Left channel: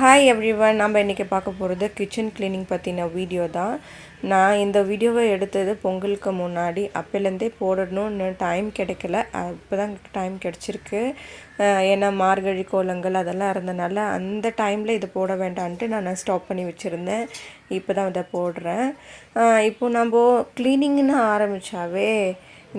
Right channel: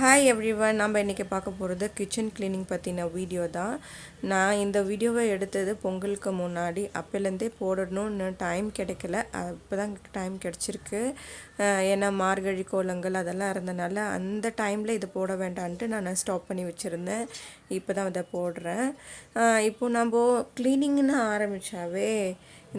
Hi everyone, நம்ம இன்றைக்கி பார்க்க போகிறது கிச்சன் க்ளீனிங் பற்றின வீடியோ தான். நான் இந்த வீடியோவை எடுத்தது பொங்கலுக்கு முன்னாடி. அப்போலேருந்தே போடணும்னு டைம் கிடைக்கல. இப்போ தான் டைம் கிடச்சிருக்கு. ஏன்னா மார்கழி கோலங்கள் அதெல்லாம் இருந்தனால அந்த டைமில் இது போட வேண்டான்ட்டு நான் ஸ்டாப் பண்ணி வச்சுருந்தேன். இப்போ தான் இதை போடுறேன். இப்போது நம்ம க்ளீனிங்னு ஆரம்பித்தாவே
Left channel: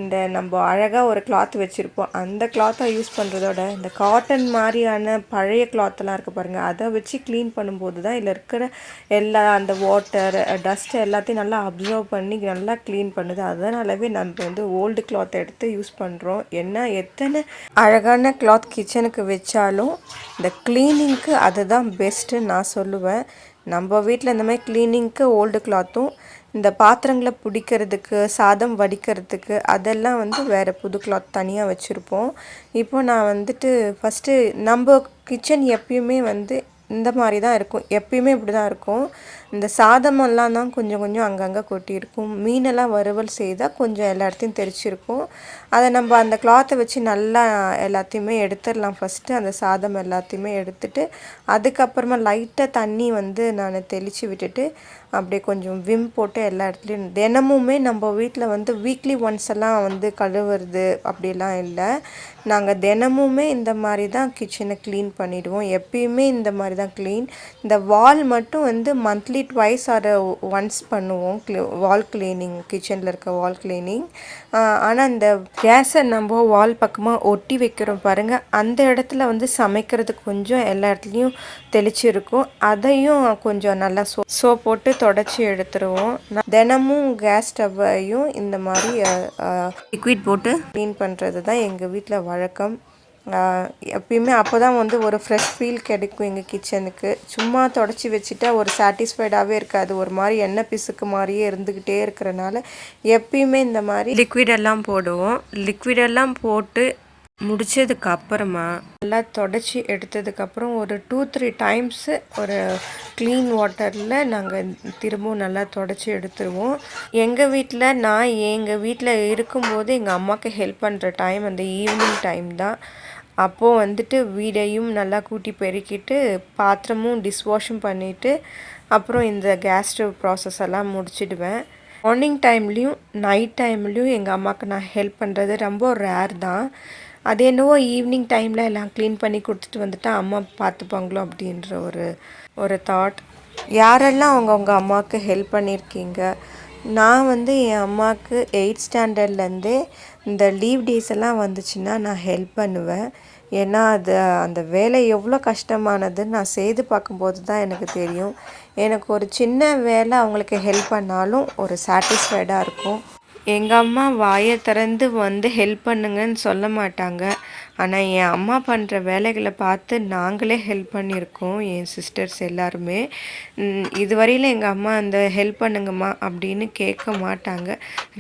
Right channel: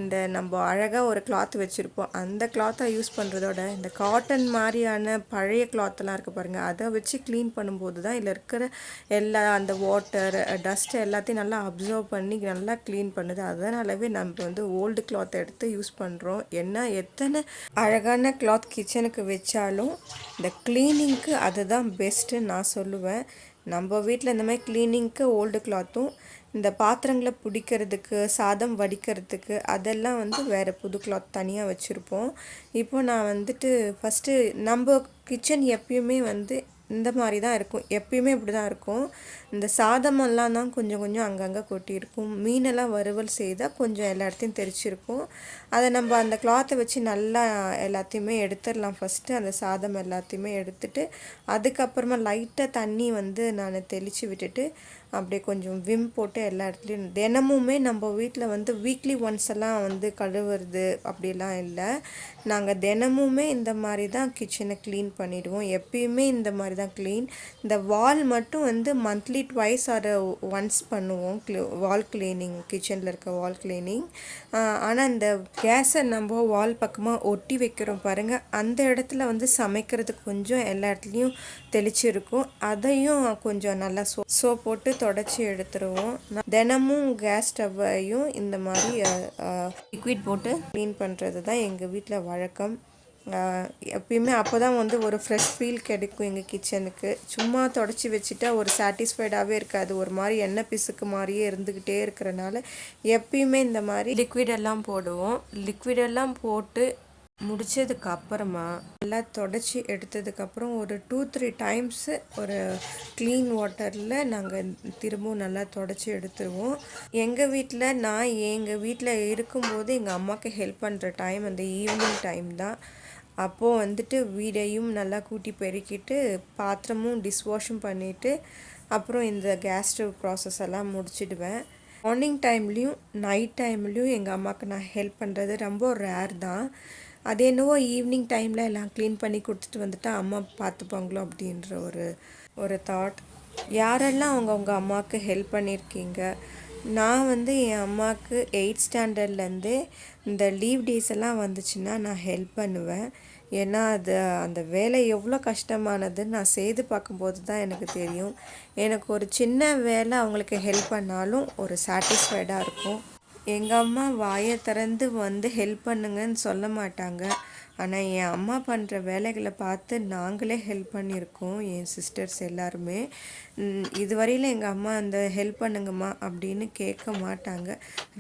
இந்த நம்ம அழகாக ஒரு கிளாத் வச்சுருப்போம். அந்த கிளாத்தை யூஸ் பண்ணுறதோட இந்த காட்டன் மாதிரியான பழைய கிளாத்தெல்லாம் இருக்குது பாருங்கள், அதை வச்சு க்ளீன் பண்ணும்போது தான் இதில் இருக்கிற எல்லா அந்த வாட்டர் டஸ்ட் எல்லாத்தையும் நல்லா அப்சர்வ் பண்ணி நல்லா க்ளீன் பண்ணுது. அதனாலவே நம்ம ஓல்டு கிளாத் எடுத்து யூஸ் பண்ணுறோம். ஏன்னா எத்தனை அழகான கிளாத் கிச்சனுக்கு வச்சாலும் இந்த க்ளீனிங்க்கு அதுதான் பெஸ்ட்டு நான் சொல்லுவேன். நம்ம வீட்டில் இந்த மாதிரி க்ளீனிங்க்கு ஓல்டு கிளாத்தும், இந்த பாத்திரங்களை பிடிக்கிறதுக்கு சாதம் வடிக்கிறதுக்கு அதெல்லாம் வேறு புது கிளாத் தனியாக வச்சுருப்போம். இப்போது நான் ஃபஸ்ட்டு நம்ம கிச்சன் எப்பயுமே இந்த மாதிரி தான் இருக்கும். எப்பயுமே இப்படி தான் இருக்கும். இந்த சாதமெல்லாம் தான் கொஞ்சம் கொஞ்சம் அங்கங்கே கொட்டியிருக்கும். மீனெல்லாம் வறுவல் செய்தால் கொஞ்சம் எல்லா இடத்தையும் தெரிச்சிருக்கும். அதை நம்ம அந்த கிளாத்தை வச்சு நல்லா எல்லாத்தையுமே எடுத்துடலாம். ஃபஸ்ட்டு அந்த சாதம் எல்லாத்தையுமே எடுத்துட்டு அதுக்கப்புறமா லைட்டாக தண்ணி நான் தெளித்து விட்டுட்டு அப்படியே கொஞ்சம் விம் போட்டு எல்லா இடத்துலையும் தினமுமே நம்ம வீட்டில் வீக்லி ஒன்ஸ் எல்லாம் கழுவுறது அப்படிலாம் இல்லை. நாங்கள் தினமுமே இந்த மாதிரி தான் கிச்சனை க்ளீன் பண்ணிவிடுவோம். எப்பயுமே இந்த மாதிரி தான் க்ளீன். இந்த வால் மட்டும் மந்த்லி ட்வைஸ் ஆர் ஒன்ஸ் பண்ணுவோம் வால் க்ளீனிங், கிச்சனில் இருக்க வால் க்ளீனிங். ஆனால் இந்த கேஸை நம்ம வால் பக்கமாக ஒட்டி வைக்கிறோம் பாருங்கள், அந்த இடத்துல சமைக்கிறதுக்கு கொஞ்சம் எல்லா இடத்துலையும் தெளிச்சிருக்கும். அதையும் கொஞ்சம் நல்லா சோப் போட்டு தொடச்சி எடுத்துருவோம். தினமும் கேஸ் ஸ்டவ்வையும் இந்த மாதிரி லிக்விட் போட்டு க்ளீன் பண்ணுறது தான் எங்கள் வீட்டில் வழக்கம். எப்பயுமே அப்போ தான் ஒரு ஃப்ரெஷ் ஃபீல் கிடைக்கும் எங்கள் கிச்சனுக்கு. சும்மா தொடச்சி வச்சுட்டா ஒரு சாட்டிஸ்ஃபைடாகவே இருக்காது. ஒரு மாதிரி எண்ணெய் பிசுக்கு மாதிரியே இருந்துக்கிட்டே இருக்கிறனால எப்பயுமே இந்த மாதிரி லிக்விடெல்லாம் போடுவோம். லிக்விடெல்லாம் போட்டு முடித்ததுக்கு அப்புறமா நல்லா தொடச்சி எடுத்ததுக்கப்புறம் ஒரு 2-3 டைம்ஸு ஒரு க்ளீன் வாட்டரில் நாங்கள் திரும்பவும் நல்லா தொடச்சி எடுத்துருவோம். எங்கள் வீட்டில் இருக்கும்போது எங்கள் அம்மாவுக்கு ஹெல்ப் பண்ணுற டைம் அந்த ஈவினிங் டைம் தான். அப்போது வீடையும் நல்லா கூட்டி பெருக்கிட்டு பாத்திரமும் டிஷ்வாஷும் பண்ணிவிட்டு அப்புறம் இந்த கேஸ் ஸ்டவ் ப்ராசஸ் எல்லாம் முடிச்சிடுவேன். மார்னிங் டைம்லேயும் நைட் டைம்லேயும் எங்கள் அம்மாவுக்கு நான் ஹெல்ப் பண்ணுறது ரொம்ப ரேர் தான். அது என்னவோ ஈவினிங் டைமில் எல்லாம் க்ளீன் பண்ணி கொடுத்துட்டு வந்துட்டா அம்மா பார்த்துப்பாங்களோ அப்படின்ற ஒரு தாட். யாரெல்லாம் அவங்க அம்மாவுக்கு ஹெல்ப் பண்ணியிருக்கீங்க? நான் என் அம்மாவுக்கு 8th ஸ்டாண்டர்ட்லேருந்தே இந்த லீவ் டேஸ் எல்லாம் வந்துச்சுன்னா நான் ஹெல்ப் பண்ணுவேன். ஏன்னா அந்த வேலை எவ்வளோ கஷ்டமானதுன்னு நான் செய்து பார்க்கும்போது தான் எனக்கு தெரியும். எனக்கு ஒரு சின்ன வேலை அவங்களுக்கு ஹெல்ப் பண்ணாலும் ஒரு சாட்டிஸ்ஃபைடாக இருக்கும். எங்கள் அம்மா வாயை திறந்து ஹெல்ப் பண்ணுங்கன்னு சொல்ல மாட்டாங்க. ஆனால் என் அம்மா பண்ணுற வேலைகளை பார்த்து நாங்களே ஹெல்ப் பண்ணியிருக்கோம், என் சிஸ்டர்ஸ் எல்லாருமே. இதுவரையில் எங்கள் அம்மா அந்த ஹெல்ப் பண்ணுங்கம்மா அப்படின்னு கேட்க மாட்டாங்க.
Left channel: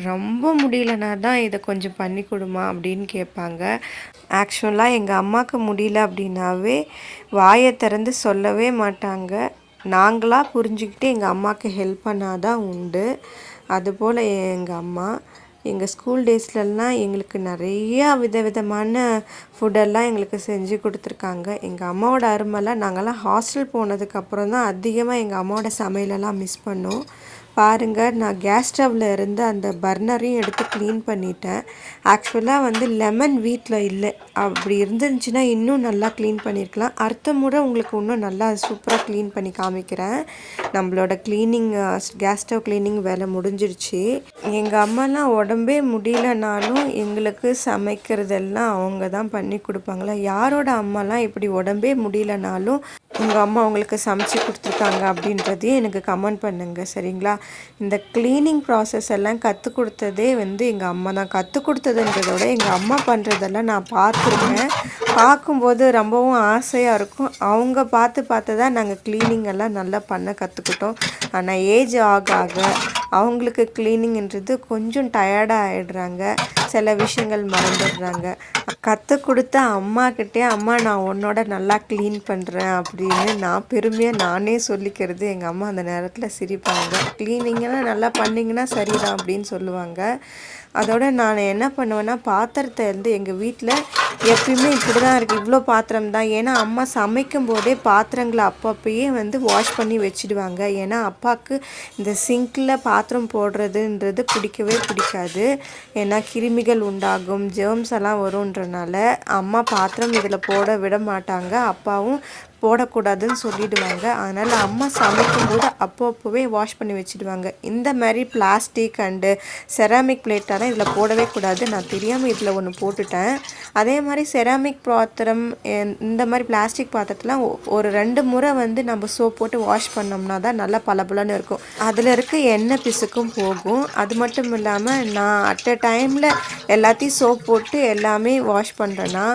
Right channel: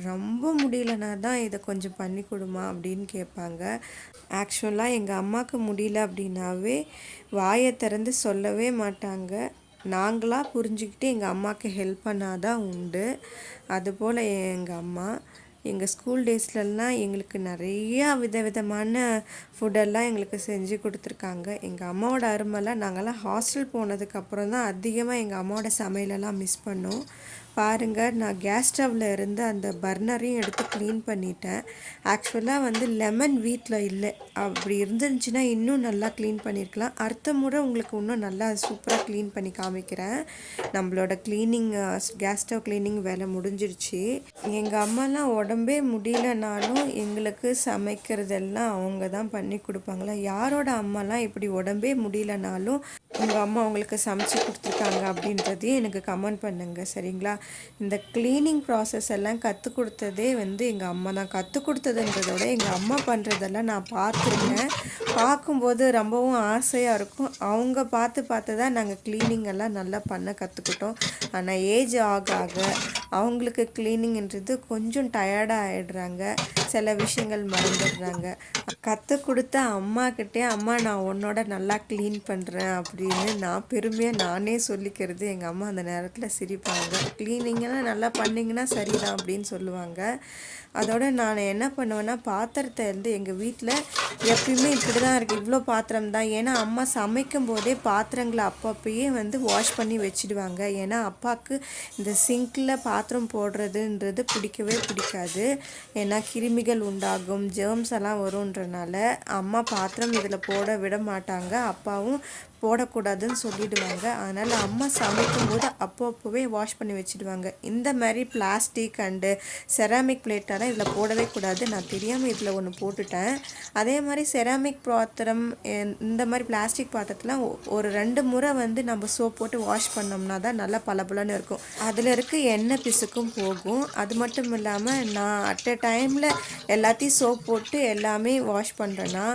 ரொம்ப முடியலனா தான் இதை கொஞ்சம் பண்ணி கொடுமா அப்படின்னு கேட்பாங்க. ஆக்சுவலாக எங்கள் அம்மாவுக்கு முடியல அப்படின்னாவே வாயை திறந்து சொல்லவே மாட்டாங்க. நாங்களாக புரிஞ்சுக்கிட்டு எங்கள் அம்மாவுக்கு ஹெல்ப் பண்ணாதான் உண்டு. அதுபோல் எங்கள் அம்மா எங்கள் ஸ்கூல் டேஸ்லலாம் எங்களுக்கு நிறையா விதவிதமான ஃபுட்டெல்லாம் எங்களுக்கு செஞ்சு கொடுத்துருக்காங்க. எங்கள் அம்மாவோட அருமைலாம் நாங்கள்லாம் ஹாஸ்டல் போனதுக்கப்புறம் தான் அதிகமாக எங்கள் அம்மாவோட சமையலெல்லாம் மிஸ் பண்ணோம். பாருங்கள், நான் கேஸ் ஸ்டவ்வில் இருந்து அந்த பர்னரையும் எடுத்து க்ளீன் பண்ணிட்டேன். ஆக்சுவலாக லெமன் வீட்டில் இல்லை. அப்படி இருந்துச்சுன்னா இன்னும் நல்லா க்ளீன் பண்ணியிருக்கலாம். அடுத்த முறை உங்களுக்கு இன்னும் நல்லா சூப்பராக க்ளீன் பண்ணி காமிக்கிறேன். நம்மளோட க்ளீனிங் கேஸ் ஸ்டவ் க்ளீனிங் வேலை முடிஞ்சிருச்சு. எங்கள் அம்மாலாம் உடம்பே முடியலனாலும் எங்களுக்கு சமைக்கிறதெல்லாம் அவங்க தான் பண்ணி கொடுப்பாங்களா. யாரோட அம்மாலாம் இப்படி உடம்பே முடியலனாலும் உங்கள் அம்மா அவங்களுக்கு சமைச்சு கொடுத்துருக்காங்க அப்படின்றதையும் எனக்கு கமெண்ட் பண்ணுங்கள், சரிங்களா? இந்த க்ளீனிங் ப்ராசஸ் எல்லாம் கற்றுக் கொடுத்ததே எங்கள் அம்மா தான். கற்றுக் கொடுத்ததுன்றதோட எங்கள் அம்மா பண்ணுறதெல்லாம் நான் பார்த்துருக்கேன். பார்க்கும்போது ரொம்பவும் ஆசையாக இருக்கும். அவங்க பார்த்து தான் நாங்கள் க்ளீனிங் எல்லாம் நல்லா பண்ண கற்றுக்கிட்டோம். ஆனால் ஏஜ் ஆக ஆக அவங்களுக்கு க்ளீனிங்ன்றது கொஞ்சம் டயர்டாக ஆகிடுறாங்க. சில விஷயங்கள் மறந்துடுறாங்க. கற்றுக் கொடுத்த அம்மாக்கிட்டே அம்மா நான் உன்னோட நல்லா க்ளீன் பண்ணுறேன் அப்படின்னு நான் பெருமையாக நானே சொல்லிக்கிறது. எங்கள் அம்மா அந்த நேரத்தில் சிரிப்பாங்க. க்ளீனிங்கெல்லாம் நல்லா பண்ணிங்கன்னா சரிதான் அப்படின்னு சொல்லுவாங்க. அதோட நான் என்ன பண்ணுவேன்னா பாத்திரத்தை வந்து எங்கள் வீட்டில் எப்பயுமே இப்படி தான் இருக்குது, இவ்வளோ பாத்திரம் தான். ஏன்னா அம்மா சமைக்கும் போதே பாத்திரங்களை அப்பப்பயே வந்து வாஷ் பண்ணி வச்சுடுவாங்க. ஏன்னா அப்பாவுக்கு இந்த சிங்கில் பாத்திரம் போடுறதுன்றது பிடிக்கவே பிடிக்காது. ஏன்னா கிருமிகள் உண்டாகும், ஜெர்ம்ஸ் எல்லாம் வரும்ன்றனால அம்மா பாத்திரம் இதில் போட விட மாட்டாங்க, அப்பாவும் போடக்கூடாதுன்னு சொல்லிடுவாங்க. அதனால் அம்மா சமைக்கும்போது அப்பப்போவே வாஷ் பண்ணி வச்சுடுவாங்க. இந்த மாதிரி பிளாஸ்டிக் அண்டு செராமிக் பிளேட்டெல்லாம் இதில் போடவே கூடாது. நான் தெரியாமல் இதில் ஒன்று போட்டுட்டேன். அதே மாதிரி செராமிக் பாத்திரம், இந்த மாதிரி பிளாஸ்டிக் பாத்திரத்தெலாம் ஒரு 2 முறை வந்து நம்ம சோப் போட்டு வாஷ் பண்ணோம்னா தான் நல்லா பளபளன்னு இருக்கும். அதில் இருக்க எண்ணெய் பிசுக்கும் போகும். அது மட்டும் இல்லாமல் நான் அட் அ டைமில் எல்லாத்தையும் சோப் போட்டு எல்லாமே வாஷ் பண்ணுறேன்னா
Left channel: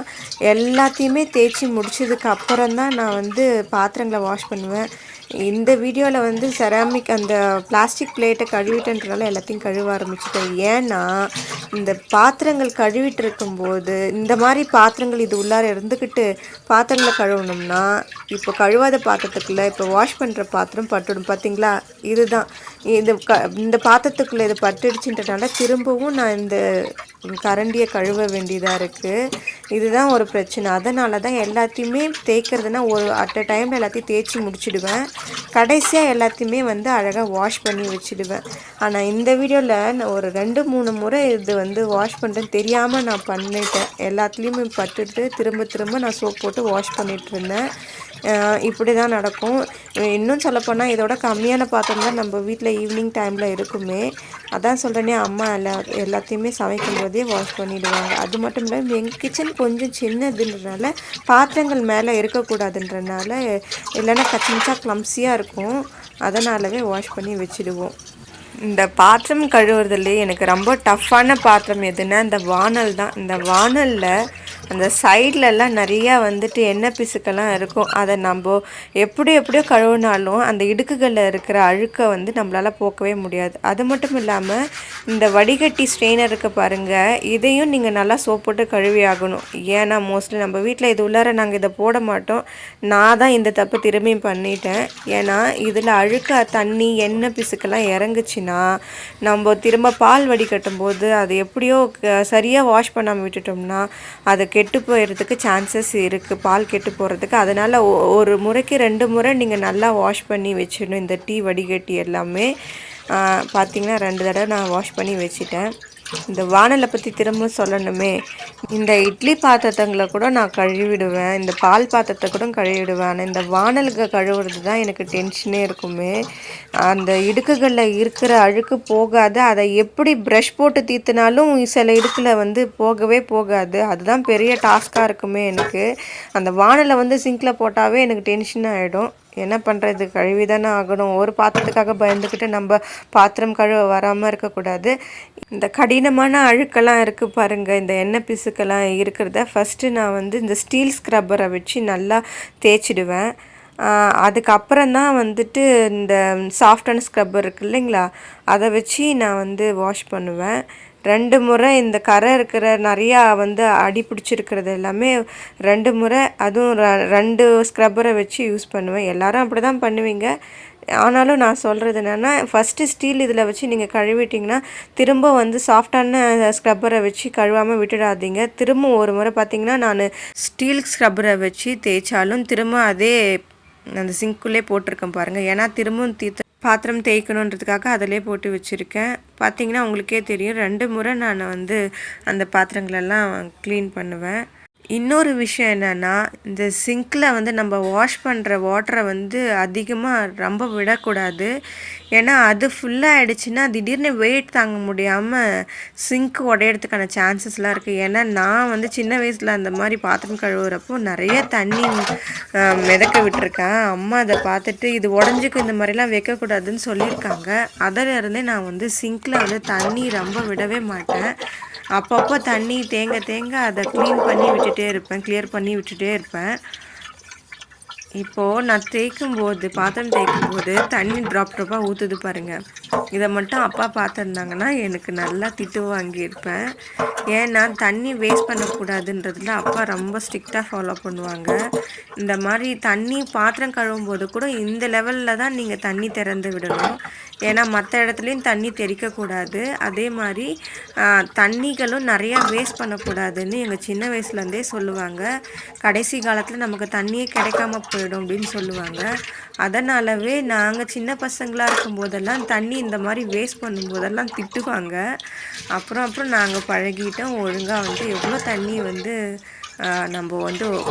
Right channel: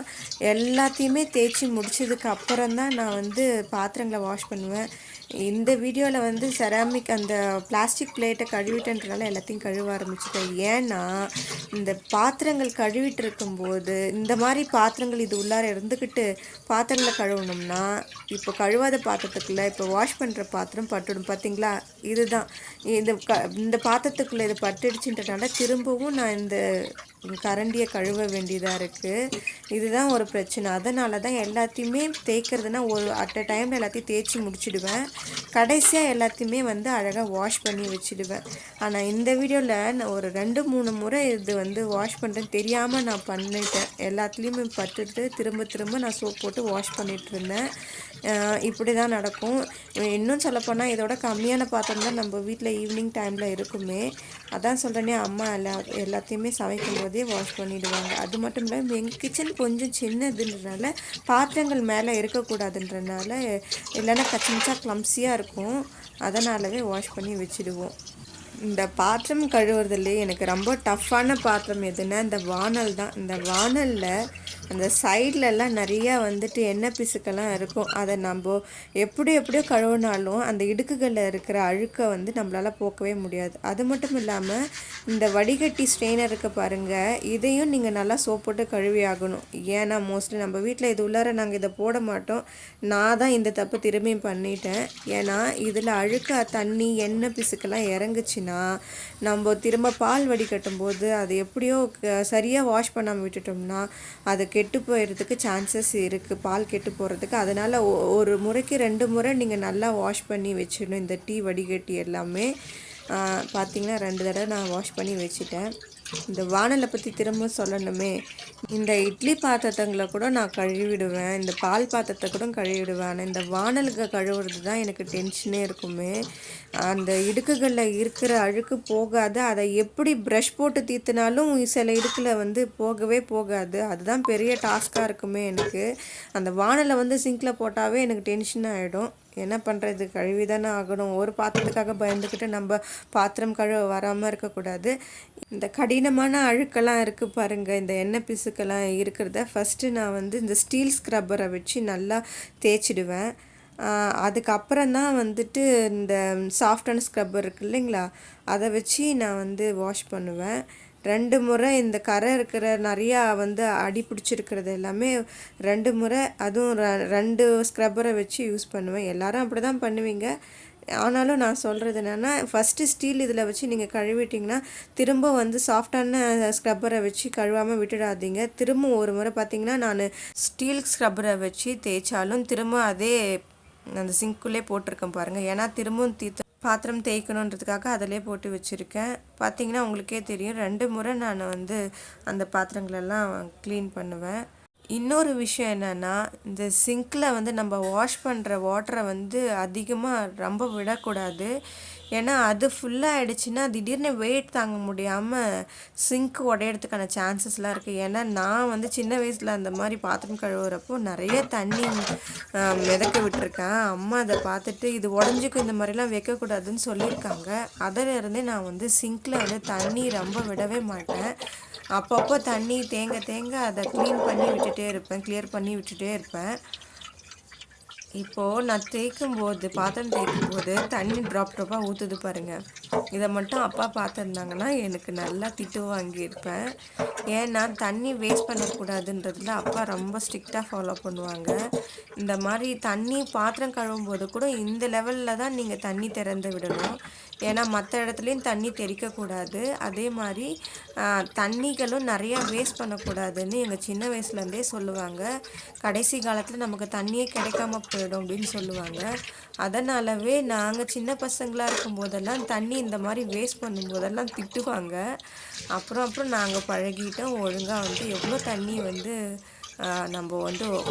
எல்லாத்தையுமே தேய்ச்சி முடிச்சதுக்கு அப்புறம் தான் நான் வந்து பாத்திரங்களை வாஷ் பண்ணுவேன். இந்த வீடியோவில் வந்து செராமிக் அந்த பிளாஸ்டிக் பிளேட்டை கழுவிட்டன்றனால எல்லாத்தையும் கழுவ ஆரம்பிச்சிட்டேன். ஏன்னா இந்த பாத்திரங்கள் கழுவிட்டு இருக்கும்போது இந்த மாதிரி பாத்திரங்கள் இது உள்ளார இருந்துக்கிட்டு பாத்திரங்களை கழுவணும்னா இப்போ கழுவாத பாத்திரத்துக்குள்ளே இப்போ வாஷ் பண்ணுற பாத்திரம் பட்டுடும். பார்த்திங்களா, இதுதான் இந்த பாத்திரத்துக்குள்ளே இது பட்டுடுச்சுன்றனால திரும்பவும் நான் இந்த கரண்டியை கழுவ வேண்டியதாக இருக்குது. இதுதான் ஒரு பிரச்சனை. அதனால தான் எல்லாத்தையுமே தேய்க்கிறதுனா ஒரு அட் அ டைமில் எல்லாத்தையும் தேய்ச்சி முடிச்சிடுவேன். கடைசியாக எல்லாத்தையுமே வந்து அழகாக வாஷ் பண்ணி வச்சுடுவேன். ஆனால் இந்த வீடியோவில் நான் ஒரு 2-3 முறை இது வந்து வாஷ் பண்ணுறேன்னு தெரியாமல் நான் பண்ணிட்டேன். எல்லாத்துலேயுமே பட்டுட்டு திரும்ப நான் சோப் போட்டு வாஷ் பண்ணிகிட்ருந்தேன். இப்படி தான் நடக்கும். இன்னும் சொல்லப்போனால் இதோட கம்மியான பாத்திரம் தான் நம்ம வீட்டில் ஈவினிங் டைமில் இருக்குமே. அதான் சொல்கிறேனே, அம்மா எல்லாத்தையுமே சமைக்கும் போதே வாஷ் பண்ணிவிடுவாங்க. அது மட்டும் இல்லை, எங்கள் கிச்சன் கொஞ்சம் சின்னதுன்றனால பாத்திரங்கள் மேலே இருக்கக்கூடாதுன்றனால, இல்லைன்னா கச்சின்ச்சா க்ளம்ஸியாக இருக்கும். அதனாலவே வாஷ் பண்ணி வச்சுடுவோம். இந்த பாத்திரம் கழுவுறதுலேயே எனக்கு ரொம்ப டஃப்பான பாத்திரம் எதுன்னா இந்த வானல் தான். இந்த வானலில் அந்த சைட்லலாம் நிறையா வந்துட்டு எண்ணெய் பிசுக்கெல்லாம் இருக்கும். அதை நம்ம எப்படியோ கழுவினாலும் அந்த இடுக்குகளில் இருக்கிற அழுக்கை வந்து நம்மளால் போக்கவே முடியாது. அது மட்டும் இல்லாமல் இந்த வடிகட்டி ஸ்ட்ரெயினர் இருக்க பாருங்கள், இதையும் நீங்கள் நல்லா சோப் போட்டு கழுவி ஆகணும். ஏன்னா மோஸ்ட்லி நம்ம வீட்டில் இது உள்ளார நாங்கள் இதை போட மாட்டோம். நான் தான் இந்த தப்பு திரும்பி பண்ணிட்டேன். ஏன்னா இதில் அழுக்க தண்ணி எண்ணெய் பிசுக்கெல்லாம் இறங்குச்சுன்னா நம்ம திரும்ப பால் வடிகட்டும் போது அது எப்படியோ சரியாக வாஷ் பண்ணாமல் விட்டுட்டோம்னா அது கெட்டு போயிடுறதுக்கு சான்சஸ் இருக்குது, பால் கெட்டு போகிறதுக்கு. அதனால் ஒரு முறைக்கு 2 முறை நீங்கள் நல்லா வாஷ் பண்ணி வச்சிடணும். இந்த டீ வடிகட்டி எல்லாமே பார்த்திங்கன்னா 2 தடவை நான் வாஷ் பண்ணி வச்சுட்டேன். இந்த வானலை பற்றி திரும்ப சொல்லணுமே, இந்த இட்லி பாத்திரங்களை கூட நான் கழுவிடுவேன், இந்த பால் பாத்திரத்தை கூட கழுவிடுவேன். ஆனால் இந்த வானலுக்கு கழுவுறது தான் எனக்கு டென்ஷனே இருக்குமே. அந்த இடுக்குகளில் இருக்கிற அழுக்கு போகாது. அதை எப்படி ப்ரஷ் போட்டு தீர்த்தினாலும் சில இடுக்கில் வந்து போகவே போகாது. அதுதான் பெரிய டாஸ்காக இருக்குமே எனக்கு. அந்த வானலை வந்து சிங்கில் போட்டாவே எனக்கு டென்ஷன் ஆகிடும். என்ன பண்ணுறது, கழுவி தானே ஆகணும். ஒரு பாத்திரத்துக்காக பயந்துக்கிட்டு நம்ம பாத்திரம் கழுவ வராமல் இருக்கக்கூடாது. இந்த கடினமான அழுக்கெல்லாம் இருக்குது பாருங்கள், இந்த எண்ணெய் பிசுக்கெல்லாம் இருக்கிறத ஃபஸ்ட்டு நான் வந்து இந்த ஸ்டீல் ஸ்க்ரப்பரை வச்சு நல்லா தேய்ச்சிடுவேன். அதுக்கப்புறம் தான் வந்துட்டு இந்த சாஃப்டான ஸ்க்ரப்பர் இருக்குது இல்லைங்களா, அதை வச்சு நான் வந்து வாஷ் பண்ணுவேன். 2 முறை இந்த கரை இருக்கிற நிறையா வந்து அடி பிடிச்சிருக்கிறது எல்லாமே 2 முறை, அதுவும் 2 ஸ்க்ரப்பரை வச்சு யூஸ் பண்ணுவேன். எல்லோரும் அப்படி தான் பண்ணுவீங்க. ஆனாலும் நான் சொல்கிறது என்னென்னா, ஃபஸ்ட்டு ஸ்டீல் இதில் வச்சு நீங்கள் கழுவிட்டிங்கன்னா திரும்ப வந்து சாஃப்டான ஸ்க்ரப்பரை வச்சு கழுவாமல் விட்டுடாதீங்க. திரும்ப ஒரு முறை பார்த்திங்கன்னா நான் ஸ்டீல் ஸ்க்ரப்பரை வச்சு தேய்ச்சாலும் திரும்ப அதே அந்த சிங்க்குள்ளே போட்டிருக்கேன் பாருங்கள். ஏன்னா திரும்பவும் பாத்திரம் தேய்க்கணுன்றதுக்காக அதிலே போட்டு வச்சுருக்கேன். பார்த்திங்கன்னா உங்களுக்கே தெரியும், 2 முறை நான் வந்து அந்த பாத்திரங்களெல்லாம் க்ளீன் பண்ணுவேன். இன்னொரு விஷயம் என்னென்னா, இந்த சிங்கில் வந்து நம்ம வாஷ் பண்ணுற வாட்டரை வந்து அதிகமாக ரொம்ப விடக்கூடாது. ஏன்னா அது ஃபுல்லாக ஆகிடுச்சின்னா திடீர்னு வெயிட் தாங்க முடியாமல் சிங்க் உடையிறதுக்கான சான்சஸ்லாம் இருக்குது. ஏன்னா நான் வந்து சின்ன வயசில் அந்த மாதிரி பாத்திரம் கழுவுறப்போ நிறைய தண்ணி மிதக்க விட்டுருக்கேன். அம்மா அதை பார்த்துட்டு இது உடஞ்சிக்கு இந்த மாதிரிலாம் வைக்கக்கூடாதுன்னு சொல்லியிருக்காங்க. அதிலிருந்தே நான் வந்து சிங்கில் வந்து தண்ணி ரொம்ப விடவே மாட்டேன். அப்பப்போ தண்ணி தேங்க அதை க்ளீன் பண்ணி விட்டுட்டே இருப்பேன், கிளியர் பண்ணி விட்டுட்டே இருப்பேன். இப்போது நான் பாத்திரம் தேய்க்கும்போது தண்ணி ட்ராப்பாக ஊற்றுது பாருங்கள். இதை மட்டும் அப்பா பார்த்துருந்தாங்கன்னா எனக்கு நல்லா திட்டு வாங்கியிருப்பேன். ஏன்னா தண்ணி வேஸ்ட் பண்ணக்கூடாதுன்றதுல அப்பா ரொம்ப ஸ்ட்ரிக்டாக ஃபாலோ பண்ணுவாங்க. இந்த மாதிரி தண்ணி பாத்திரம் கழுவும் போது கூட இந்த லெவலில் தான் நீங்கள் தண்ணி திறந்து விடணும். ஏன்னா மற்ற இடத்துலையும் தண்ணி தெறிக்கக்கூடாது. அதே மாதிரி தண்ணிகளும் நிறையா வேஸ்ட் பண்ணக்கூடாதுன்னு எங்கள் சின்ன வயசுலேருந்தே சொல்லுவாங்க. கடைசி காலத்தில் நமக்கு தண்ணியே கிடைக்காம போயிடும் அப்படின்னு சொல்லுவாங்க. அதனாலவே நாங்கள் சின்ன பசங்களாக இருக்கும்போதெல்லாம் தண்ணி இந்த மாதிரி வேஸ்ட் பண்ணும்போதெல்லாம் திட்டுவாங்க. அப்புறம் நாங்கள் பழகிட்டோம். ஒழுங்காக எவ்வளோ தண்ணி நம்ம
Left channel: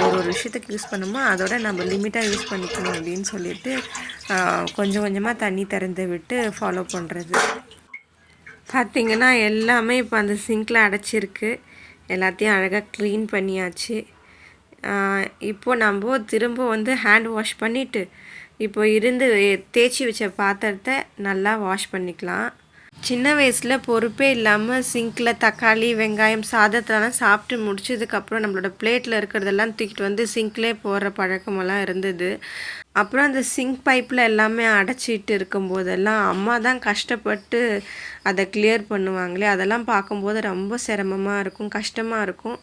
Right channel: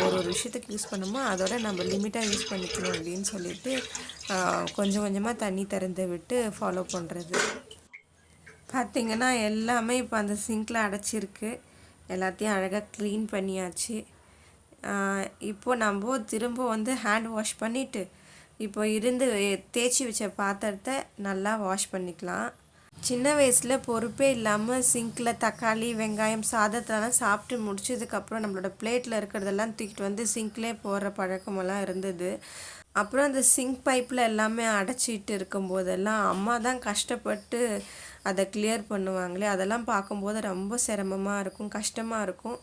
ஒரு விஷயத்துக்கு யூஸ் பண்ணோமோ அதோட நம்ம லிமிட்டாக யூஸ் பண்ணிக்கணும் அப்படின்னு சொல்லிட்டு கொஞ்சம் கொஞ்சமாக தண்ணி திறந்து விட்டு ஃபாலோ பண்ணுறது. பார்த்திங்கன்னா எல்லாமே இப்போ அந்த சிங்கில் அடைச்சிருக்கு. எல்லாத்தையும் அழகாக க்ளீன் பண்ணியாச்சு. இப்போது நம்ம திரும்ப ஹேண்ட் வாஷ் பண்ணிவிட்டு இப்போ தேய்ச்சி வச்ச பாத்திரத்தை நல்லா வாஷ் பண்ணிக்கலாம். சின்ன வயசில் பொறுப்பே இல்லாமல் சிங்கில் தக்காளி வெங்காயம் சாதத்தெல்லாம் சாப்பிட்டு முடிச்சதுக்கப்புறம் நம்மளோட பிளேட்டில் இருக்கிறதெல்லாம் தூக்கிட்டு சிங்க்லேயே போடுற பழக்கமெல்லாம் இருந்தது. அப்புறம் அந்த சிங்க் பைப்பில் எல்லாமே அடைச்சிட்டு இருக்கும்போதெல்லாம் அம்மா தான் கஷ்டப்பட்டு அதை கிளியர் பண்ணுவாங்களே. அதெல்லாம் பார்க்கும்போது ரொம்ப சிரமமாக இருக்கும், கஷ்டமாக இருக்கும்.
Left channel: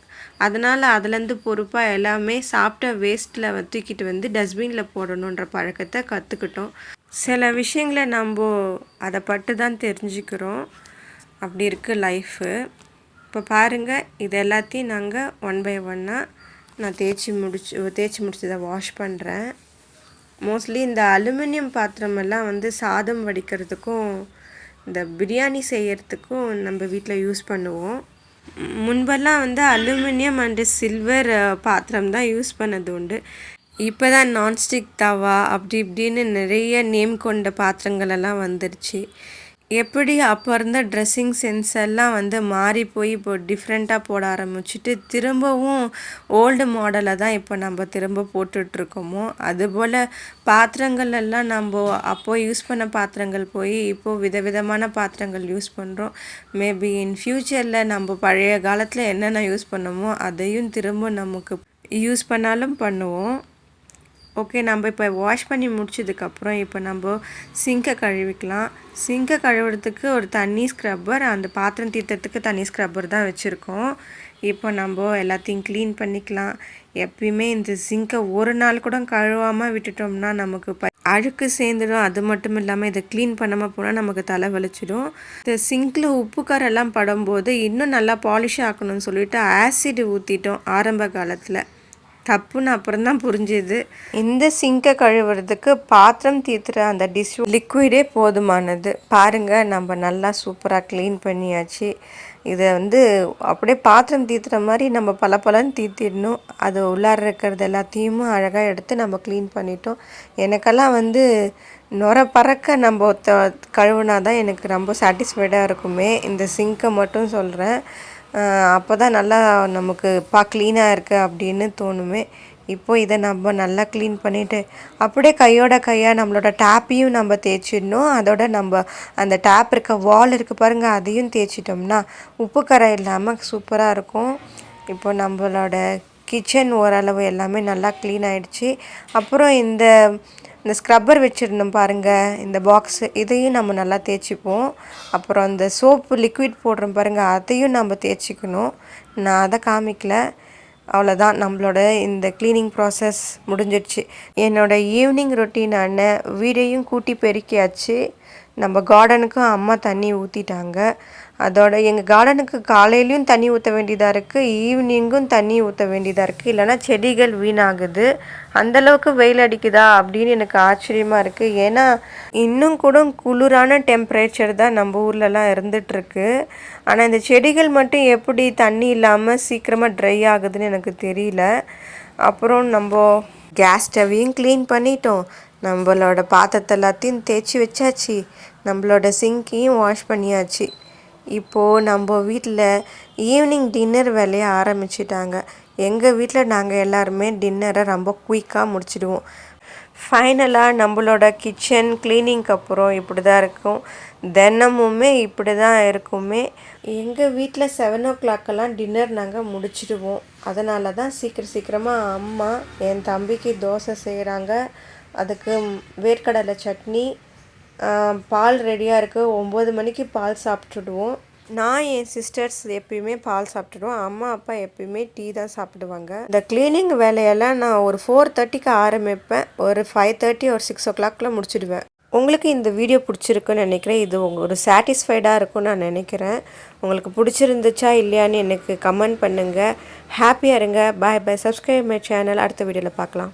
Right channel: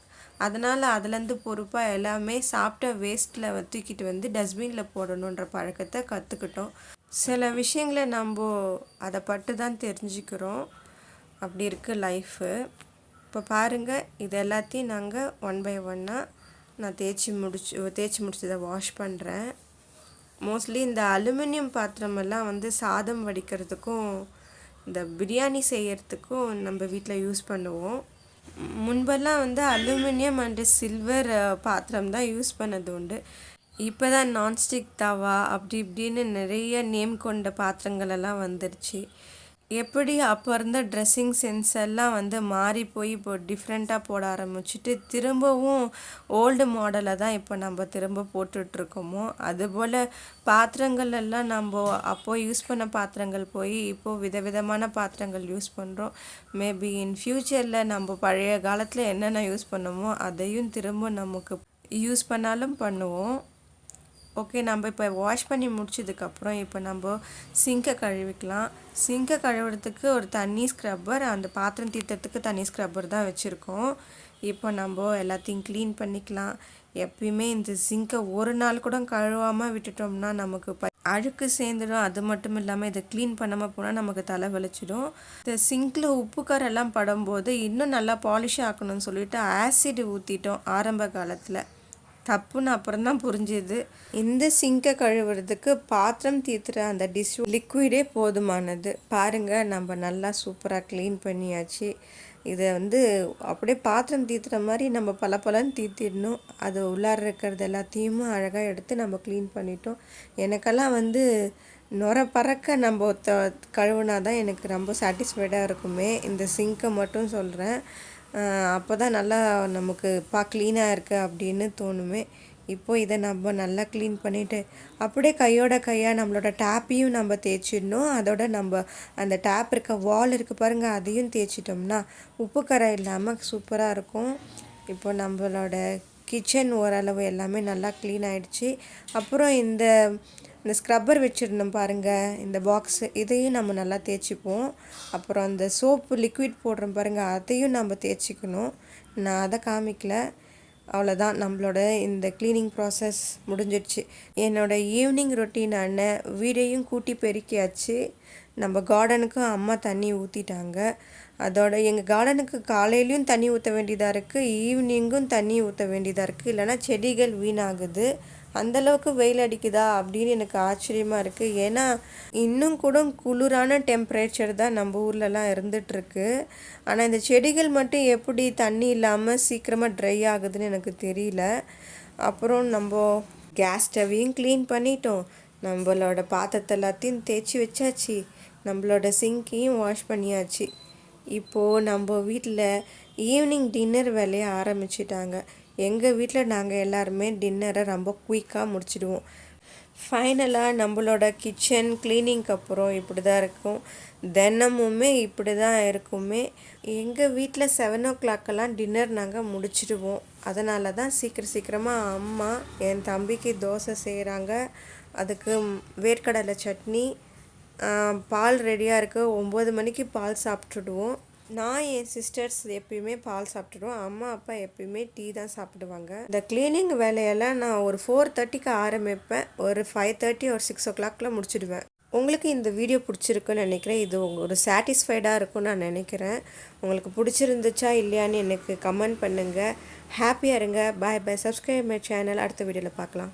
அதனால் அதுலேருந்து பொறுப்பாக எல்லாமே சாப்பிட்ட வேஸ்ட்டில் தூக்கிட்டு டஸ்ட்பினில் போடணுன்ற பழக்கத்தை கற்றுக்கிட்டோம். சில விஷயங்களை நம்ம அதை பட்டு தான் தெரிஞ்சுக்கிறோம். அப்படி இருக்குது லைஃபு. இப்போ பாருங்கள், இது எல்லாத்தையும் நாங்கள் 1 by 1 நான் தேய்ச்சி முடிச்சதை வாஷ் பண்ணுறேன். மோஸ்ட்லி இந்த அலுமினியம் பாத்திரமெல்லாம் சாதம் வடிக்கிறதுக்கும் இந்த பிரியாணி செய்கிறதுக்கும் நம்ம வீட்டில் யூஸ் பண்ணுவோம். முன்பெல்லாம் அலுமினியம் அண்டு சில்வர் பாத்திரம் தான் யூஸ் பண்ணது உண்டு. இப்போ தான் நான்ஸ்டிக் தவா அப்படி இப்படின்னு நிறைய நேம் கொண்ட பாத்திரங்களெல்லாம் வந்துருச்சு. எப்படி அப்போ இருந்த ட்ரெஸ்ஸிங் சென்ஸ் எல்லாம் மாறி போய் இப்போ டிஃப்ரெண்ட்டாக போட ஆரம்பிச்சுட்டு திரும்பவும் ஓல்டு மாடலை தான் இப்போ நம்ம திரும்ப போட்டுட்ருக்கோமோ, அதுபோல் பாத்திரங்கள் எல்லாம் நம்ம அப்போது யூஸ் பண்ண பாத்திரங்கள் போய் இப்போது விதவிதமான பாத்திரங்கள் யூஸ் பண்ணுறோம். மேபி இன் ஃப்யூச்சரில் நம்ம பழைய காலத்தில் என்னென்ன யூஸ் பண்ணோமோ அதையும் திரும்ப நமக்கு யூஸ் பண்ணாலும் பண்ணுவோம். ஓகே, நம்ம இப்போ வாஷ் பண்ணி முடிச்சதுக்கப்புறம் இப்போ நம்ம சிங்கை கழுவிக்கலாம். சிங்கை கழுவுறதுக்கு ஒரு தண்ணி ஸ்க்ரப்பர், அந்த பாத்திரம் தீர்த்தத்துக்கு தண்ணி ஸ்க்ரப்பர் தான் வச்சுருக்கோம். இப்போ நம்ம எல்லாத்தையும் க்ளீன் பண்ணிக்கலாம். எப்பயுமே இந்த சிங்கை ஒரு நாள் கூட கழுவாமல் விட்டுட்டோம்னா நமக்கு அழுக்கு சேர்ந்துடும். அது மட்டும் இல்லாமல் இதை க்ளீன் பண்ணாமல் போனால் நமக்கு தலை வலிச்சிடும். இந்த சிங்கில் உப்பு காரெல்லாம் படும்போது இன்னும் நல்லா பாலிஷ் ஆக்கணும்னு சொல்லிட்டு ஆசிட் ஊற்றிட்டோம் ஆரம்ப காலத்தில். தப்புன்னு அப்புறம் தான் புரிஞ்சுது. இந்த சிங்கை கழுவுறதுக்கு பாத்திரம் தீர்த்துற அந்த டிஷ் லிக்விடே போதுமானது. பாருங்கள், நம்ம நல்லா சூப்பராக க்ளீன் பண்ணியாச்சு. இதை அப்படியே பாத்திரம் தீர்த்துற மாதிரி நம்ம பலன்னு தீர்த்திடணும். அது உள்ளார இருக்கிறது எல்லாத்தையும் அழகாக எடுத்து நம்ம க்ளீன் பண்ணிட்டோம். எனக்கெல்லாம் நுர பறக்க நம்ம கழுவுனா தான் எனக்கு ரொம்ப சாட்டிஸ்ஃபைடாக இருக்குமே. இந்த சிங்கை மட்டும் சொல்கிறேன். அப்போ தான் நல்லா நமக்கு க்ளீனாக இருக்குது அப்படின்னு தோணுமே. இப்போது இதை நம்ம நல்லா க்ளீன் பண்ணிவிட்டு அப்படியே கையாக நம்மளோட டேப்பையும் நம்ம தேய்ச்சிடணும். அதோட நம்ம அந்த டேப் இருக்க வால் இருக்குது பாருங்கள், அதையும் தேய்ச்சிட்டோம்னா உப்பு கரை இல்லாமல் சூப்பராக இருக்கும். இப்போ நம்மளோட கிச்சன் ஓரளவு எல்லாமே நல்லா க்ளீன் ஆகிடுச்சு. அப்புறம் இந்த ஸ்க்ரப்பர் வச்சுருந்தோம் பாருங்கள், இந்த பாக்ஸு, இதையும் நம்ம நல்லா தேய்ச்சிப்போம். அப்புறம் இந்த சோப்பு லிக்விட் போடுறோம் பாருங்கள், அதையும் நம்ம தேய்ச்சிக்கணும். நான் அதை காமிக்கல. அவ்வளோதான், நம்மளோட இந்த க்ளீனிங் ப்ராசஸ் முடிஞ்சிடுச்சு. என்னோடய ஈவினிங் ரொட்டீனான வீடையும் கூட்டி பெருக்கியாச்சு. நம்ம கார்டனுக்கும் அம்மா தண்ணி ஊற்றிட்டாங்க. அதோட எங்கள் கார்டனுக்கு காலையிலையும் தண்ணி ஊற்ற வேண்டியதாக இருக்குது, ஈவினிங்கும் தண்ணி ஊற்ற வேண்டியதாக இருக்குது. இல்லைனா செடிகள் வீணாகுது. அந்தளவுக்கு வெயில் அடிக்குதா அப்படின்னு எனக்கு ஆச்சரியமாக இருக்குது. ஏன்னா இன்னும் கூட குளிரான டெம்பரேச்சர் தான் நம்ம ஊர்லலாம் இருந்துகிட்ருக்கு. ஆனால் இந்த செடிகள் மட்டும் எப்படி தண்ணி இல்லாமல் சீக்கிரமாக ட்ரை ஆகுதுன்னு எனக்கு தெரியல. அப்புறம் நம்ம கேஸ் ஸ்டவ்வையும் க்ளீன் பண்ணிட்டோம். நம்மளோட பாத்திரத்தை எல்லாத்தையும் தேய்ச்சி வச்சாச்சு. நம்மளோட சிங்கையும் வாஷ் பண்ணியாச்சு. இப்போது நம்ம வீட்டில் ஈவினிங் டின்னர் வேலையை ஆரம்பிச்சிட்டாங்க. எங்கள் வீட்டில் நாங்கள் எல்லாருமே டின்னரை ரொம்ப குயிக்காக முடிச்சிடுவோம். ஃபைனலாக நம்மளோட கிச்சன் க்ளீனிங்க்கு அப்புறம் இப்படி தான் இருக்கும். தினமுமே இப்படி தான் இருக்குமே. எங்கள் வீட்டில் 7 o'clock டின்னர் நாங்கள் முடிச்சிடுவோம். அதனால தான் சீக்கிரமாக அம்மா என் தம்பிக்கு தோசை செய்கிறாங்க. அதுக்கு வேர்க்கடலை சட்னி, பால் ரெடியாக இருக்குது. 9 மணிக்கு பால் சாப்பிட்டுடுவோம். நான் என் சிஸ்டர்ஸ் எப்பயுமே பால் சாப்பிட்டுடுவோம். அம்மா அப்பா எப்பயுமே டீ தான் சாப்பிடுவாங்க. இந்த க்ளீனிங் வேலையெல்லாம் நான் ஒரு 4:30க்கு ஆரம்பிப்பேன். ஒரு 5:30 ஒரு 6 o'clockல முடிச்சிடுவேன். உங்களுக்கு இந்த வீடியோ பிடிச்சிருக்குன்னு நினைக்கிறேன். இது ஒரு சாட்டிஸ்ஃபைடாக இருக்கும்னு நான் நினைக்கிறேன். உங்களுக்கு பிடிச்சிருந்துச்சா இல்லையான்னு எனக்கு கமெண்ட் பண்ணுங்கள். ஹாப்பியாக இருங்க. Bye bye. Subscribe my channel. அடுத்த வீடியோவில் பார்க்கலாம்.